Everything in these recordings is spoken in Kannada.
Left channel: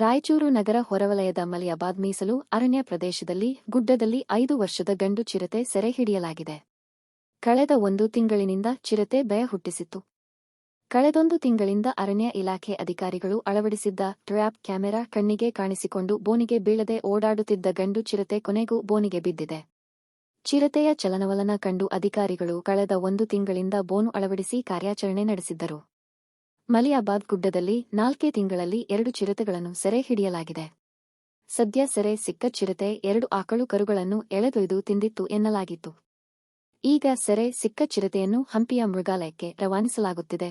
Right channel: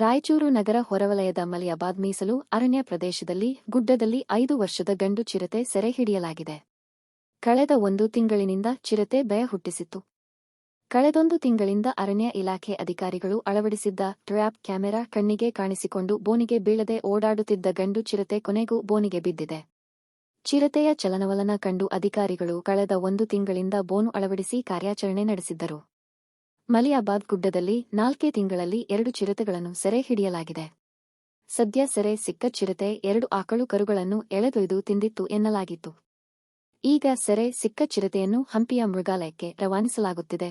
ರಾಯಚೂರು ನಗರ ಹೊರವಲಯದ ಮಲಿಯಾಬಾದ್ ಮೀಸಲು ಅರಣ್ಯ ಪ್ರದೇಶದಲ್ಲಿ ಗುಡ್ಡದಲ್ಲಿ ಐದು ವರ್ಷದ ಗಂಡು ಚಿರತೆ ಸೆರೆ ಹಿಡಿಯಲಾಗಿದೆ ಕಳೆದ ಒಂದು ತಿಂಗಳಿನಿಂದ ಚಿರತೆ ಭಯ ಹುಟ್ಟಿಸಿತ್ತು. ಕಳೆದೊಂದು ತಿಂಗಳಿಂದ ಅರಣ್ಯ ಇಲಾಖೆ ಅಧಿಕಾರಿಗಳು ಅಳವಡಿಸಿದ್ದ ಟ್ರ್ಯಾಪ್ ಕ್ಯಾಮೆರಾ ಕಣ್ಣಿಗೆ ಕಾಣಿಸಿಕೊಂಡು ಬೋನಿಗೆ ಬೀಳದೆ ಓಡಾಡುತ್ತಿದ್ದ ಗಂಡು ಚಿರತೆ ಕೊನೆಗೂ ಬೋನಿಗೆ ಬಿದ್ದಿದೆ. ಚಿರತೆಯ ಚಲನವಲನ ಕಂಡು ಅಧಿಕಾರಿಗಳು ಕಳೆದ ಒಂದು ತಿಂಗಳಿಂದ ಬೋನು ಅಳವಡಿಸಿ ಕಾರ್ಯಾಚರಣೆ ನಡೆಸಿದ್ದರು. ಮಲಿಯಾಬಾದ್ ಗುಡ್ಡದಲ್ಲಿ ನಾಲ್ಕೇ ತಿಂಗಳಲ್ಲಿ ಎರಡು ಚಿರತೆಗಳನ್ನು ಸೆರೆ ಹಿಡಿಯಲಾಗಿದೆ ಸದ್ಯ ಸೆರೆ ಸಿಕ್ಕ ಚಿರತೆ ಎರಡು ಆಕಳು ಕರುಗಳನ್ನು ಎಳೆದೊಯ್ದು ತಿಂದಿತ್ತು ಎನ್ನಲಾಗಿತ್ತು. ಈಗ ಸೆರೆ ಸಿಕ್ಕ ಚಿರತೆಯನ್ನು ಹಂಪಿಯ ಮೃಗಾಲಯಕ್ಕೆ ರವಾನಿಸಲಾಗುತ್ತಿದೆ.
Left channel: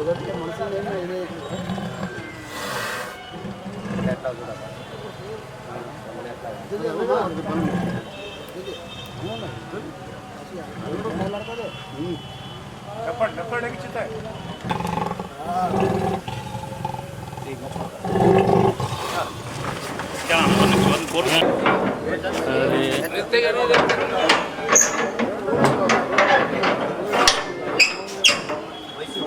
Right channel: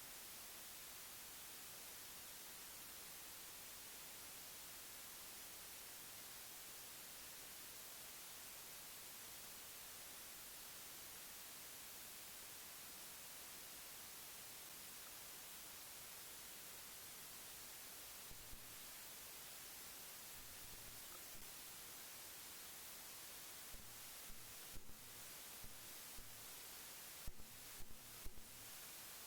కుదరలే మనుషులు ఏమి ఇదే ఎట్లా కూడా చెప్పండి చెప్పండి ఎక్కిచ్చుతాయి కోరుకు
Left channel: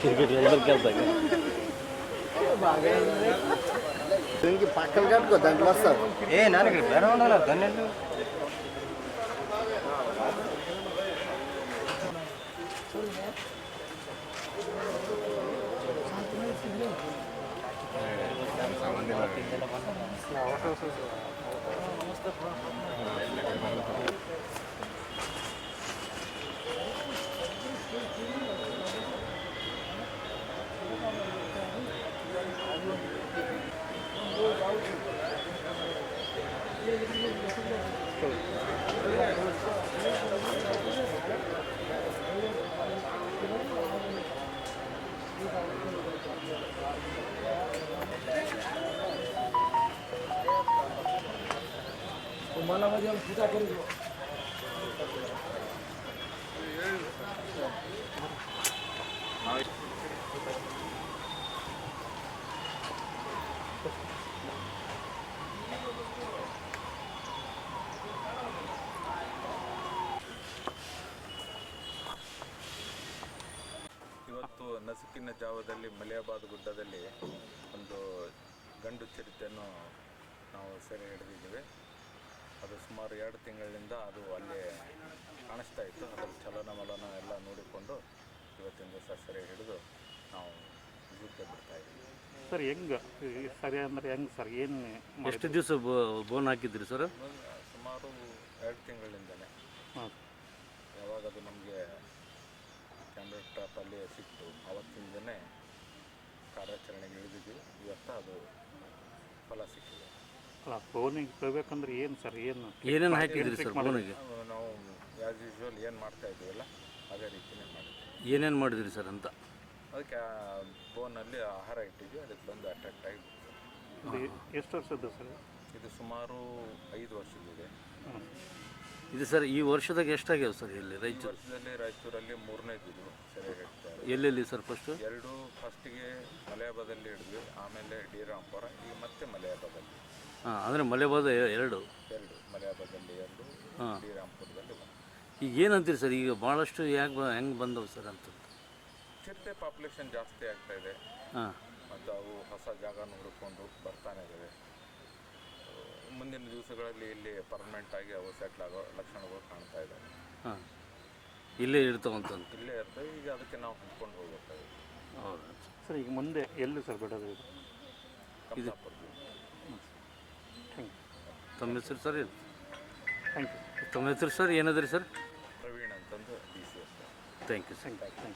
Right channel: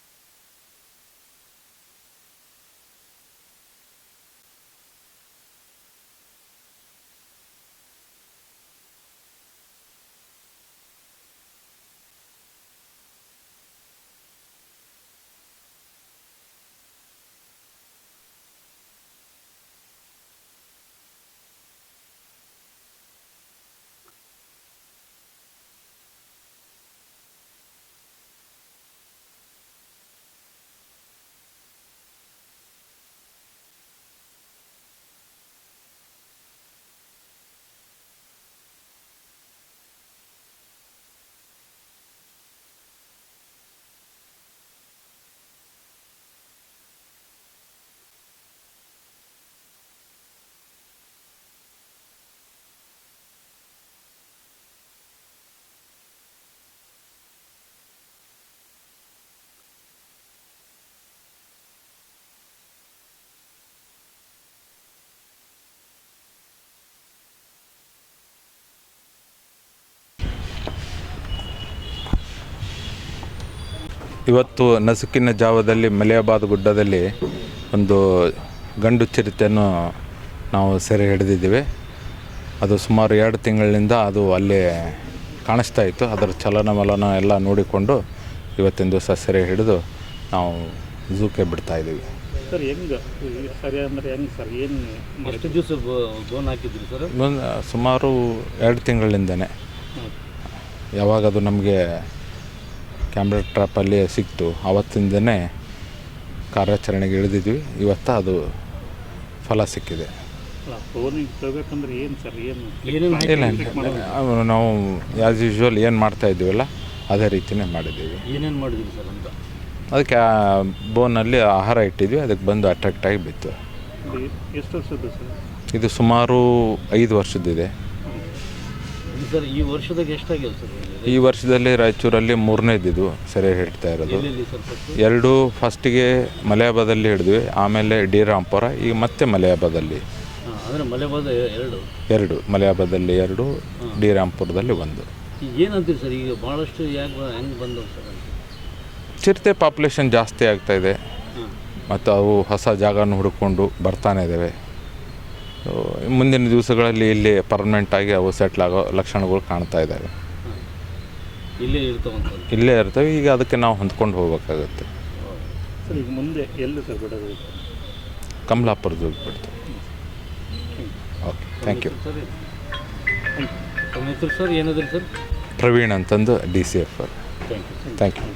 క్రికెట్ లోపలికి వెళ్తాం. పక్కన కట్టుకో దాంట్లో వస్తారు. ఏ నాన్న ఇక్కడ ఉండాలి దాన్ని ಇವತ್ತು ನಸುಕಿನ ಜಾವದಲ್ಲಿ ಮಲಿಯಾಬಾದ್ ಗುಡ್ಡದಲ್ಲಿ ಒಂದು ಗಂಡು ಚಿರತೆಯನ್ನು ನಾವು ಸೆರೆ ಹಿಡಿದಿದ್ದೀವಿ. ಅದು ಸುಮಾರು ಎರಡು ತಿಂಗಳಿನಿಂದ ಅದು ಅಲ್ಲಿ ಕಾಣಿಸ್ತಾ ಇತ್ತು. ಅದರ ಚಲನವಲನ ಎಲ್ಲ ನೋಡಿಕೊಂಡು ಇವತ್ತಿನ ದಿವಸ ಸೆರೆ ಹಿಡಿದು ನಾವು ಝೂಕೆ ಬಿಡ್ತಾ ಇದ್ದೀವಿ. ಸರ್ ಹೆಂಗೆ ಸರಿ ಅಂದ್ರೆ ಹೆಂಗೆ ಸರ್? ಏನು ಎಷ್ಟು ದಿವಸ ಬೋನ್ ಹಾಕಿದ್ರಿ ಸರ್? ಸುಮಾರು ಎರಡು ತಿಂಗಳಿಂದನೇ. ಯಾವಾಗ ಅದು ನಮಗೆ ಕ್ಯಾಮ್ರಾ ಟ್ರ್ಯಾಪಲ್ಲಿ ಸಿಕ್ತು ಆವತ್ತಿಂದನೇ ಕಾರ್ಯಾಚರಣೆಗೆ ಇಳಿದಿದ್ವಿ. ಇವತ್ತು ಅದು ಫಲ ಸಿಕ್ಕಿದೆ. ಏನೇನು ನಾವು ಆ್ಯಸ್ ಯೂಶ್ವಲ್ ಏನು ಮಾಡ್ತಾ ಇದ್ದೀವಲ್ಲ ಅದೇ ರೀತಿನೇ ಮಾಡಿದ್ದೀವಿ. ಏನೇನು ಮಾಡಿದ್ರಿ ಸರ್ ಅಂತ? ಅದಕ್ಕೆ ಆ ಬೋನಲ್ಲಿ ಆಹಾರ ಇಟ್ಟಿದ್ವಿ ಅದಕ್ಕೆ ಬಂದು ಅಟ್ರಾಕ್ಟ್ ಆಗಿ ಬಿತ್ತು. ಇದು ಎಷ್ಟು ವರ್ಷದ್ದು ಸರ್ ಇದು ಸುಮಾರು ಐದು ವರ್ಷದಿದೆ ಸರ್ ಈ ವರ್ಷದಾಗ ಎಷ್ಟಾಗಿದೆ ಸರ್ ಈ ವರ್ಷದಲ್ಲಿ ರಾಯಚೂರಲ್ಲಿ ಮೂರನೇದಿದು ಸರಿ ಹಿಡ್ತಾ ಇರೋದು. ಎರಡು ಫಸ್ಟಿಗೆ ಮಲಯಾಬಾದಲ್ಲಿ ಹಿಡಿದ್ವಿ ಆಮೇಲೆ ಡಿ ರಾಂಪುರ ಈಗ ಮತ್ತೆ ಮಲಯಾಬಾದಲ್ಲಿ. ಅಂದರೆ ಮಲೆಬಾದ ಎರಡು. ಎರಡು. ಮಲಯಾಬಾದಲ್ಲಿ ಎರಡು ಡಿ ರಾಂಪುರದಲ್ಲಿ ಒಂದು. ಈಗ ಏನಂತೀರಿ ಸರ್? ಈಗ ಭಾಳಷ್ಟು ಯಾಕೆ ಹೆಂಗೆ ಬಂದವು ಸರ್ ಅಂತ? ಚಿರತೆ ಪಾಪ್ಯುಲೇಷನ್ ಜಾಸ್ತಿ ಆಗ್ತಾ ಇದೆ. ಹಾಂ. ಮತ್ತು ಅವು ಹೊಸ ಜಾಗನ ಹುಡುಕೊಂಡು ಬರ್ತಾನೆ ಇದ್ದಾವೆ ಸೊ, ಮುಂದಿನ ದಿವಸಗಳಲ್ಲಿ ಇಲ್ಲಿ ಪರ್ಮನೆಂಟ್ ಆಗಿ ಅವು ಸೆಟ್ಲ್ ಆಗೋ ಲಕ್ಷಣಗಳು ಕಾಣ್ತಾ ಇದ್ದಾವೆ ಹಾಂ. ಇಲ್ಲೇ ಇರ್ತಾವಂತ ಇಲ್ಲೇ ಇರ್ತವೆ. ಈಗ ಅದಕ್ಕೆ ನಾವು ಹೊಂದ್ಕೊಂಡು ಹೋಗ್ಬೇಕಾಗುತ್ತೆ. ಸರ್ ಈಗ ಮುಂದೆ ಎಲ್ಲಿ ಸರ್ ಬಿಡೋದು? ಕಮಲಾಪುರದಲ್ಲಿ ಬಿಡ್ತೀವಿ ಓಕೆ ಥ್ಯಾಂಕ್ ಯು ಸರ್ ತಮ್ಮ ಹೆಸರು ಸರ್ ಏನಾದ್ರಿ ಸರ್? ಪ್ರವೀಣ್ ಅಂತಂದು D C F thank you thank you